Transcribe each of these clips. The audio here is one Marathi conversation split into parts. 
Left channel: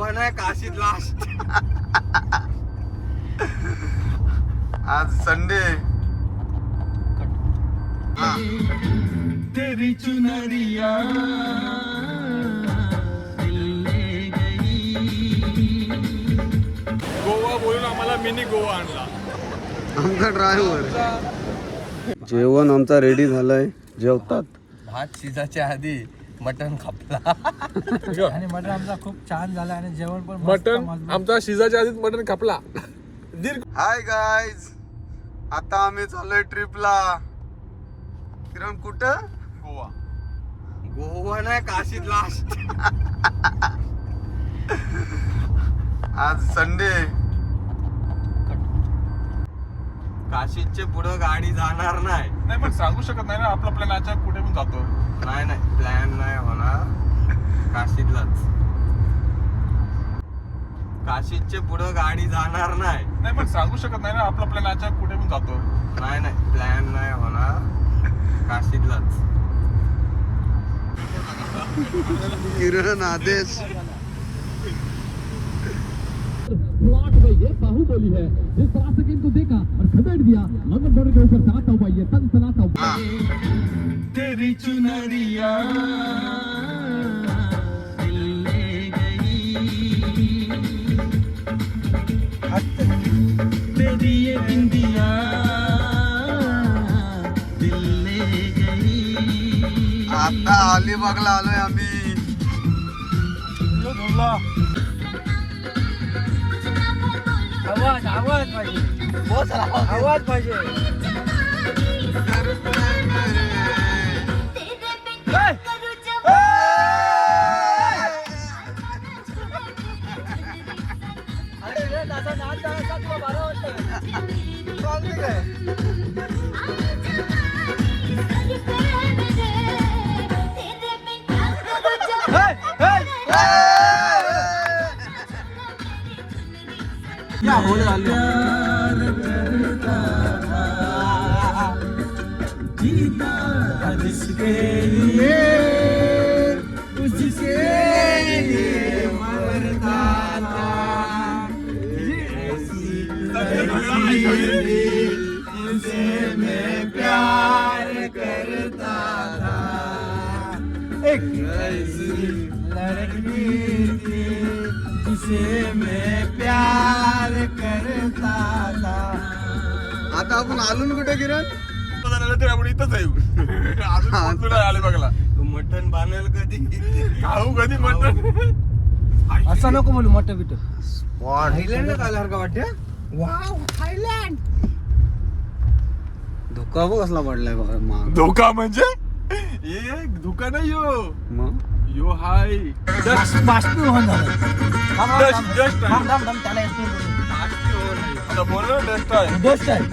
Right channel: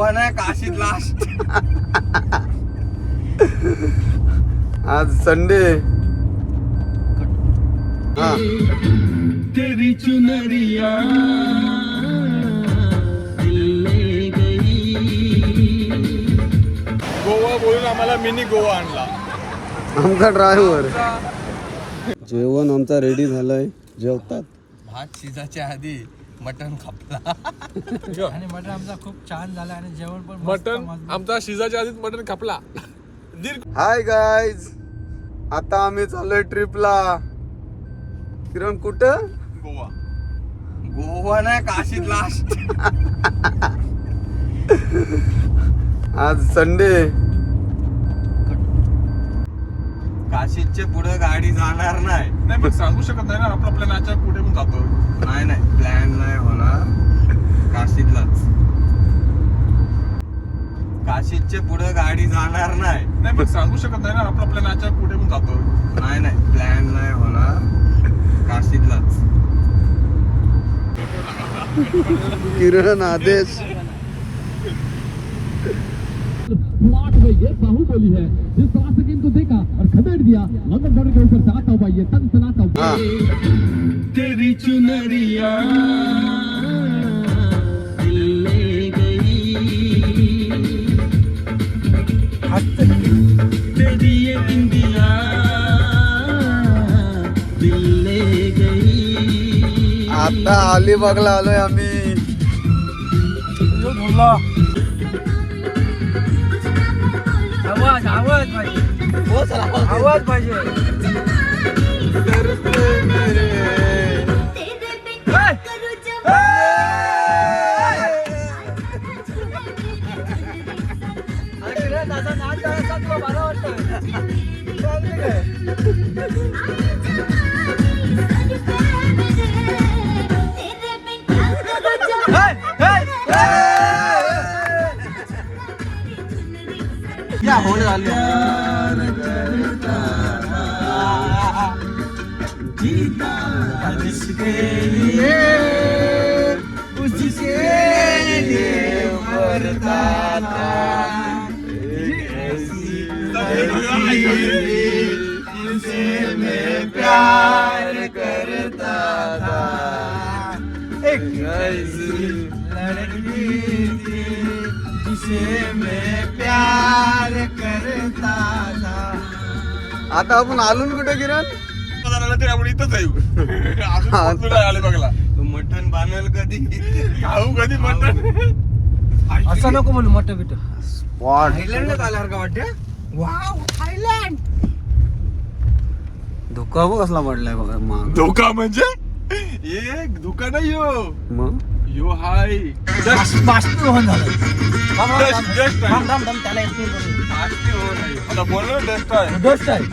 गोवा नाही काशीत लास्ट. आज संडे. हा तेरी चुनरिया ले गई. गोवा बोलून आम्हाला मिनी गोवा आणला. आमचा ड्रायव्हर. जेवण आमचा रेडी झालाय. जेवतात. भात शिजायच्या आधी मटन खापला आणि मटण आमचा खूप छान झाला आणि जेवण पण मटन आमचा शिजाच्या आधीच मटन कापला. हाय गाईज, आता आम्ही चाललोय ट्रिपला. किरण कुठं? गोवा. गोवा नाही काशीत लास्ट. आज संडे. काशीतच्या पुढे गाडी जाणार नाही. नाही मग सांगू शकत नाही ना आपला प्लॅन आजच्या कुठे पण जातोय. नाही प्लॅन नाही होणार. काशीतलाच. काशीतच्या पुढे गाडी जाणार नाही. नाही मग सांगू शकत नाही ना आपला प्लॅन आजच्या कुठे पण जातोय. नाही प्लॅन नाही होणार. काशीतलाच. किरण आदेश. प्लॉट में ये बाहुबली है जिस तरह से इनको देखा और खदेड़ दिया. लंदन डर के ऊपर साथ हुआ ये तन सनाता हा तेरी चुनरिया ले गई. तेरी ये बिंदिया दिल ले गई. आता अलिबागला आलोय आम्ही. आवाज पाहिजे. तरसे मेरे. जीता जिसके लिए उसके लिए मरता था. जिसे मैं प्यार करता था. एक ऐसी लड़की थी जिसे मैं प्यार करता था. आता आपण आलो ना कुठे किरण? आपण इथंच आहे. आले बघला तू मटन बांधेल कधी? खाऊ कधी मटन. असं नको म्हणू मटण बिट. स्पॉट. थायलंडला आल्यासारखं वाटतं. Wow Thailand. धुका बघ कसला पडलाय बघ मग. धोका म्हणजे एक धोका नाही यो. मग यो हाय बाष्पीभवन झालं. डस्ट आहे. दम दम त्याला येतो. आता बोल ना डस्ट आहे. डस्ट आहे.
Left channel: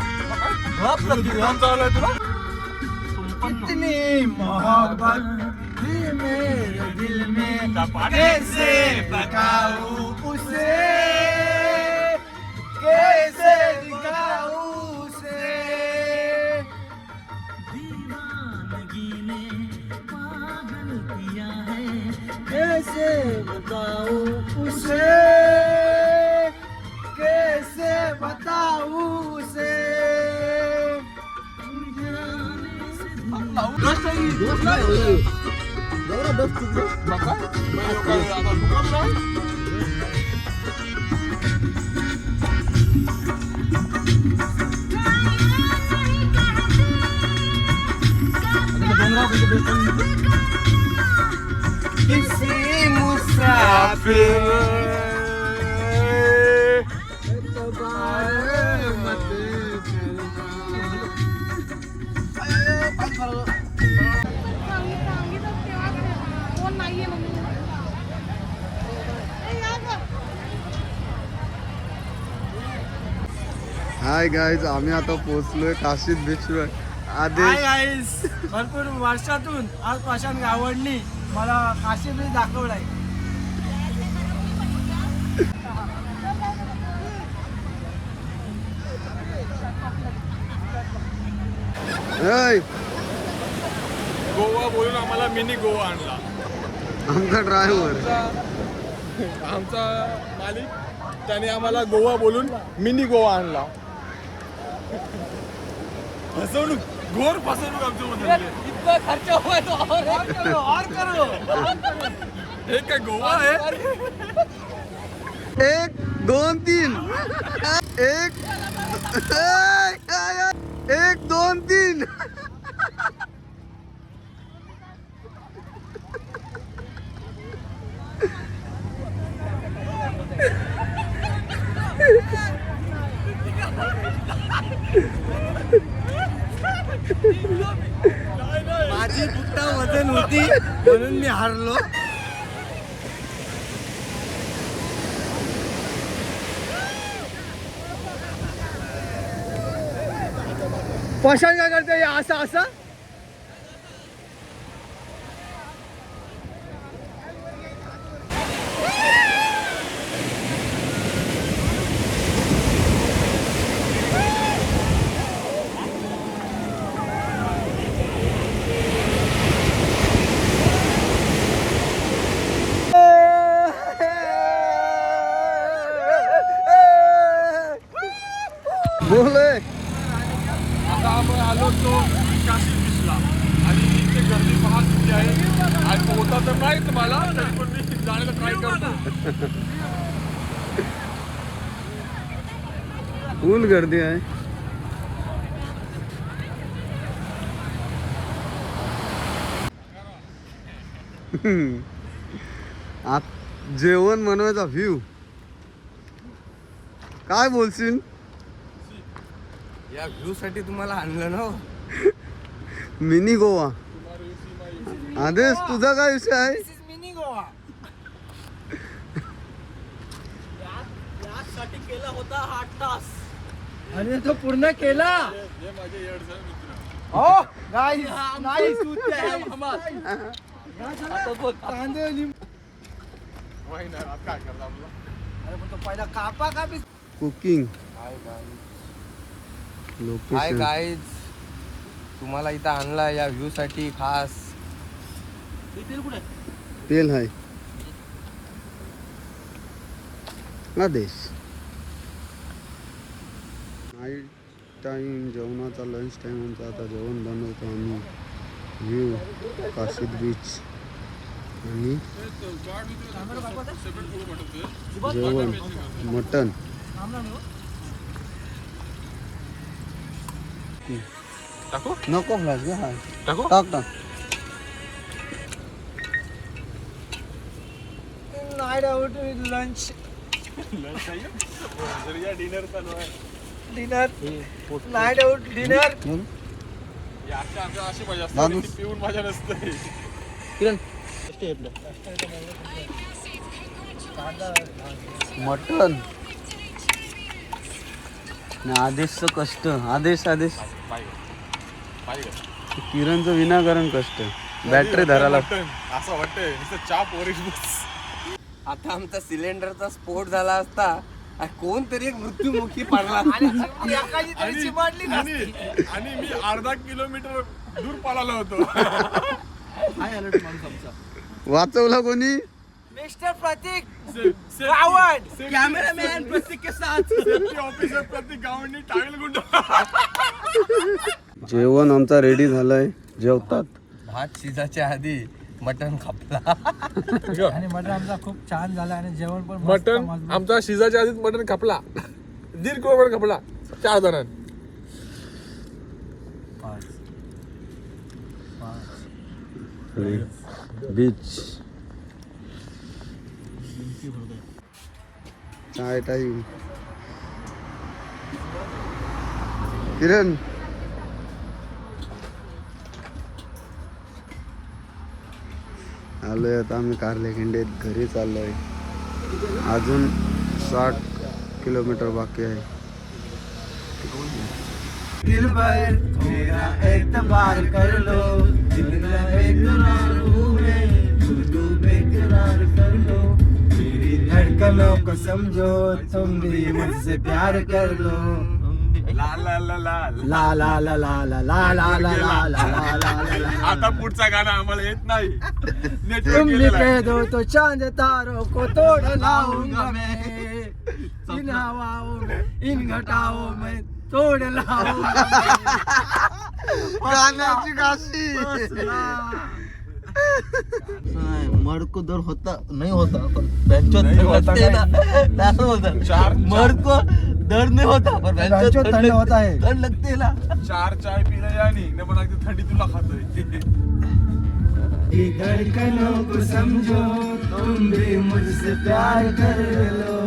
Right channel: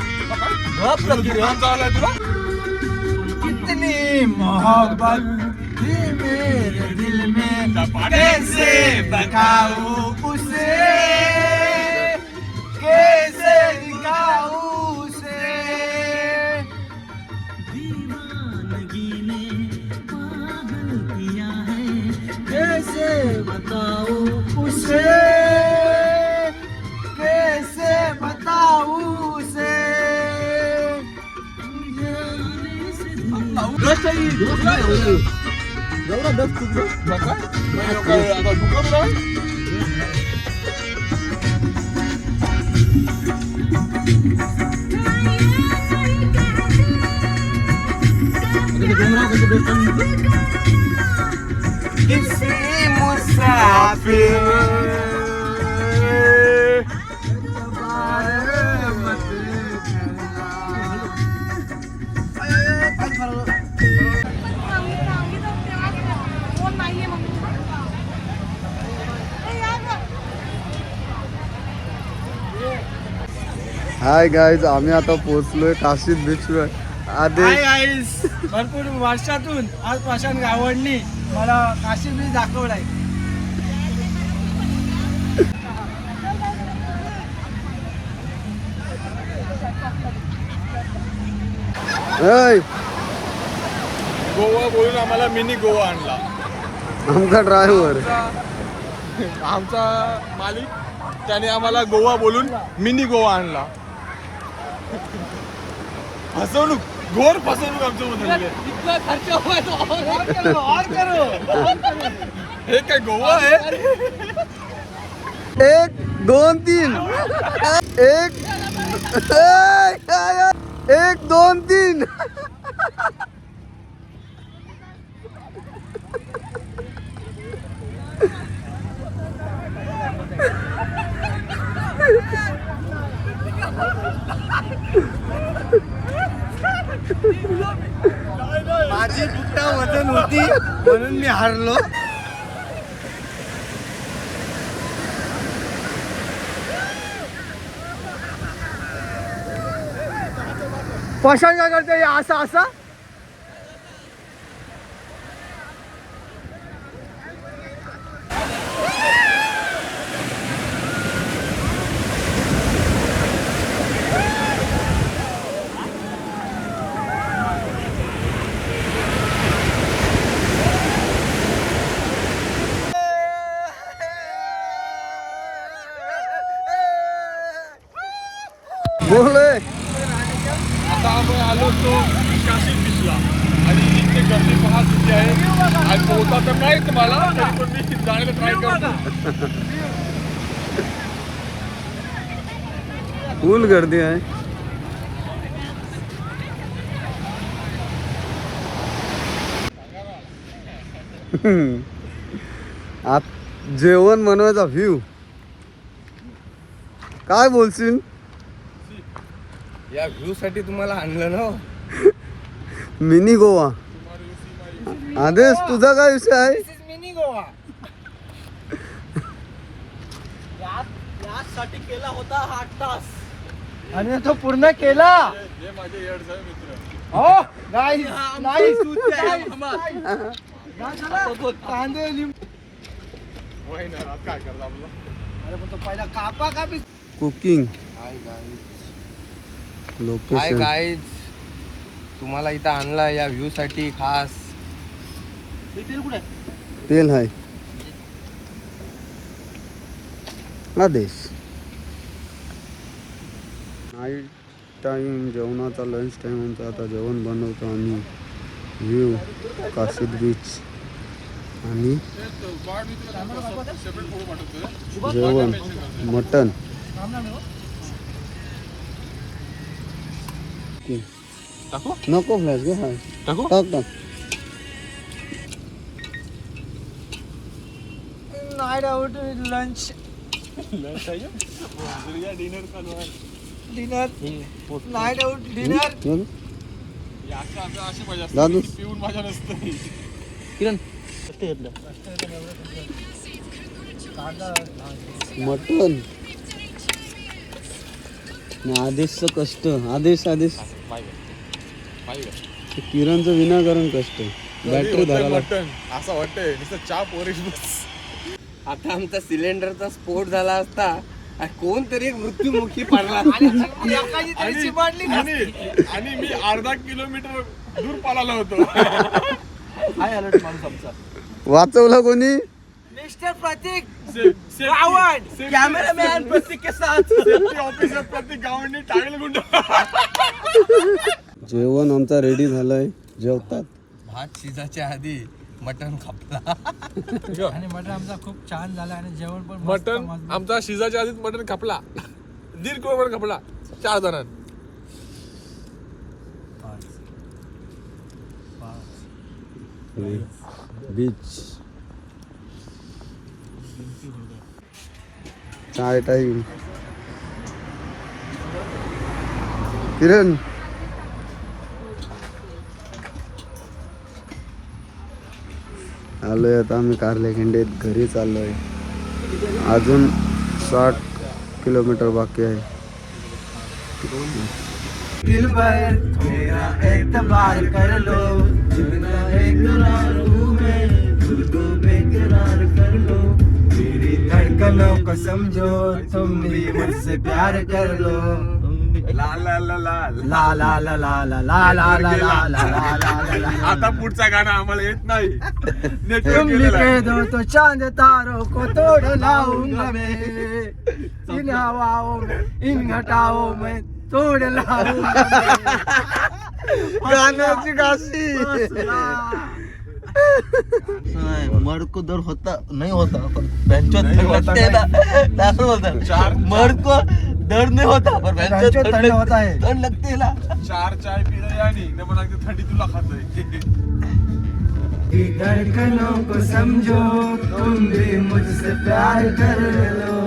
चाललाय तुला. कितनी मोहब्बत थी मेरे दिल में कैसे बताऊं उसे. कैसे दिखाऊं उसे. दीवानगी ने पागल किया है. कैसे बताऊं उसे. कैसे बताऊं उसे. दोस्त आहे दोस्त आहे. एवढा दोस्त बघा आता धोका तुला. डोंगराव कसं दोस्त. किसी मुसाफिर हाय गाईज, आम्ही आता पोहोचलोय काशीद बीचवर. आदेश. भरपूर वर्षातून आज प्रशांत गावडनी मला काशी बीच दाखवलाय. गोवा बोलून आम्हाला मिनी गोवा आणला. आमचा ड्रायव्हर. आमचा मालिक त्याने आम्हाला गोवा बोलून मिनी गोवा आणला. फसवणूक, घोर फसवणूक आमच्या मध्ये. हे काय गोवा आहे? 1 2 3 1 2 3. माझी बुट्टा वजन होती म्हणून मी हारलो. पशान काय करते असा असा. बोले आता आम्ही आलो तो काशी बीचला आणि इथे गर्दी पहा किती आहे. आज पोहता तर नाही तुम्हाला, तरी पण मी जाण्याचा ट्राय करतो. फुल गर्दी आहे. आत जेवण बनवायचा व्ह्यू काय बोलशील? या व्ह्यू साठी तुम्हाला आणलं ना. मिनी गोवा. आदेश तुझा काय विषय आहे? मिनी गोवा यासाठी केला होता 8 तास आणि तो पूर्ण केला. हे माझे येडचा मित्र. हो नाही नाही काय करतो आपलं? पहिला कापा कापी. कुकिंग हाय लोकेशन. गाईज, तुम्हाला इथं आणला या व्ह्यू साठी खास. तेल आहे. आदेश नाईट टाइम जेवणाचा लंच टाइम आमचा. आता जेवण बनवतो आम्ही. व्ह्यू काशीद बीच आणि सेपरेट फोटो पाठवतोय. जेवण मटन. नको फ्लॅश घे. हा टाक टाक. नाईट आउट लंच डिनर चालू आहे. Dinner night out dinner. बघ. अशी पाहिजे असते. दादू पिऊन माझ्या नसतं. मटन आदेशचं कष्ट. आदेश आदेश किरणचं विनाकारण कष्ट. बॅटरी धरायला. असं वाटतंय नुसतं चहा पोरीश बस. आता आमचा सिलेंडरचा स्फोट झाला असता कोणतरी एक मृत्युमुखी पडला. आणि मी अर्धा किलोमीटर दूर पळालो होतो. वाचवला कोणी? मिस्टर प्रतीक गावंड, कॅमेरामॅन प्रतीक के साथ, सेफ्टी ऑफिसर प्रतीक गावंडने टाळेल गुंड. जेवण आमचा रेडी झालाय. जेवतात. भात शिजाच्या आधी मटन खापला आणि मटन आमचा खूप छान झाला आणि जेवण पण मटन आमचा शिजाच्या आधीच मटन खपला. 1.5 किलो मटन खपला 4 जणांना. बीच चाय टाइम. किरण आलोय आता आम्ही कारले खिंडीत घरी चाललोय. अजून 60 किलोमीटर बाकी आहे. दिल पर मेरा एतबार कर लो, जितना बेकरार हूँ मैं, खुद को बेकरार कर लो. मेरी धड़कनों को समझो, तुम भी मुझसे प्यार कर लो. ला ला ला ला ला ला ला ला ला ला ला ला ला ला. आता पुढचा गाणं आम्हाला येत नाही तुम नेटवर्क लिखे दो तो चांद तारों को तोड़ लाऊंगा मैं, इन हवाओं में इन घटाओं में तोड़ लाऊंगा मैं. गाण्याची काशी मर्द को दर्द होता नहीं होता पर बेंचो लगते है ना असं बोलतात. मर्द को दर्द नहीं होता पर बेंचो ठंड लगते है ना. 4 चाय पिलं आणि ने पण अगदी थंडी तुला खातोय. धड़कनों को समझो तुम भी मुझसे प्यार कर लो.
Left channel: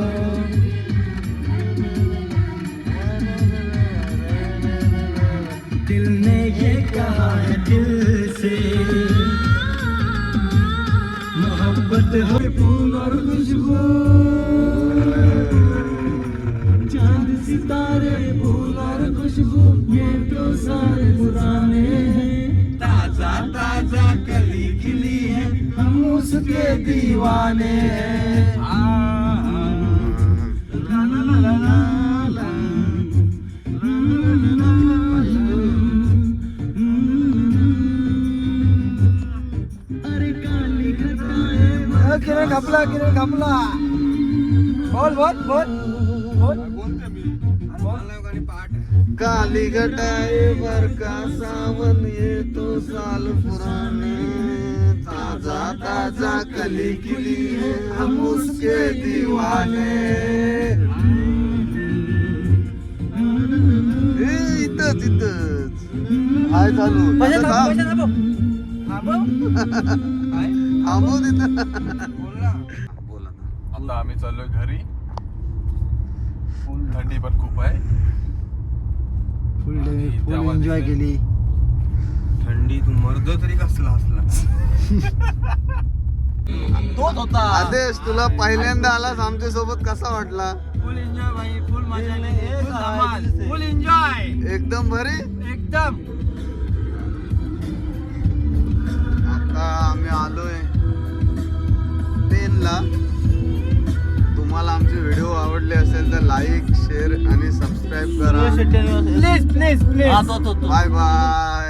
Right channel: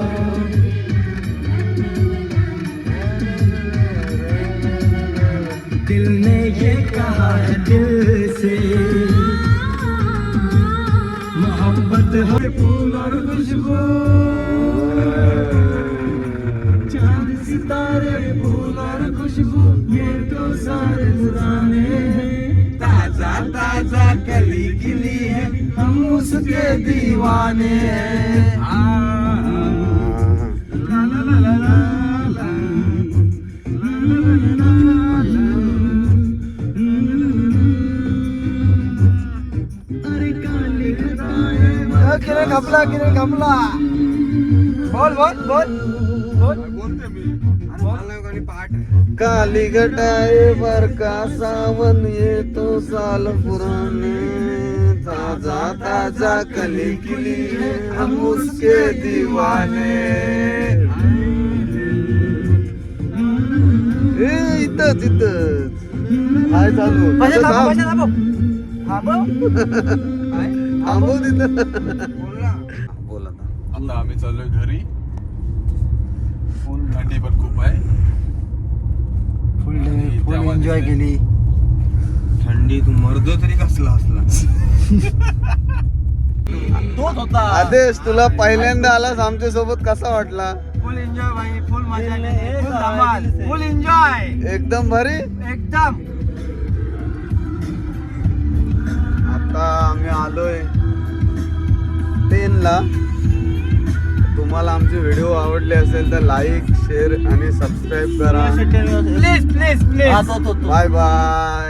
दिल ने ये कहा है दिल से मोहब्बत है फूल और खुशबू. चांद सितारे फूल और खुशबू ये तो सारे पुराने हैं. ताजा ताजा कली खिली है हम उसके दीवाने हैं. ला ला ला ला ला. कमला बोल बोल बोल बोलते मी काली घटाए पर का सावन ये तो साल पुराने. ताजा ताजा कली खिली है हम उसके दीवाने. इथंच इथंच हाय चालू थांबू तिथं. आता आम्ही चाललोय घरी. थंडी पण खूप आहे. फुल एन्जॉय केली. थंडी तू मरदो तरी कसला असला. तोच होता. आदेश तुला पहिल्यांदा आलास आमच्या सोबत कसा वाटला? फुल एन्जॉय भाई, फुल मजा केली, फुल धमाल, फुल एन्जॉय एकदम भारी. एकदम. आता आम्ही आलोय 10 ला. तुम्हाला आमचे व्हिडिओ आवडले असेल तर लाईक शेअर आणि सबस्क्राईब करा. Please please please. Bye bye.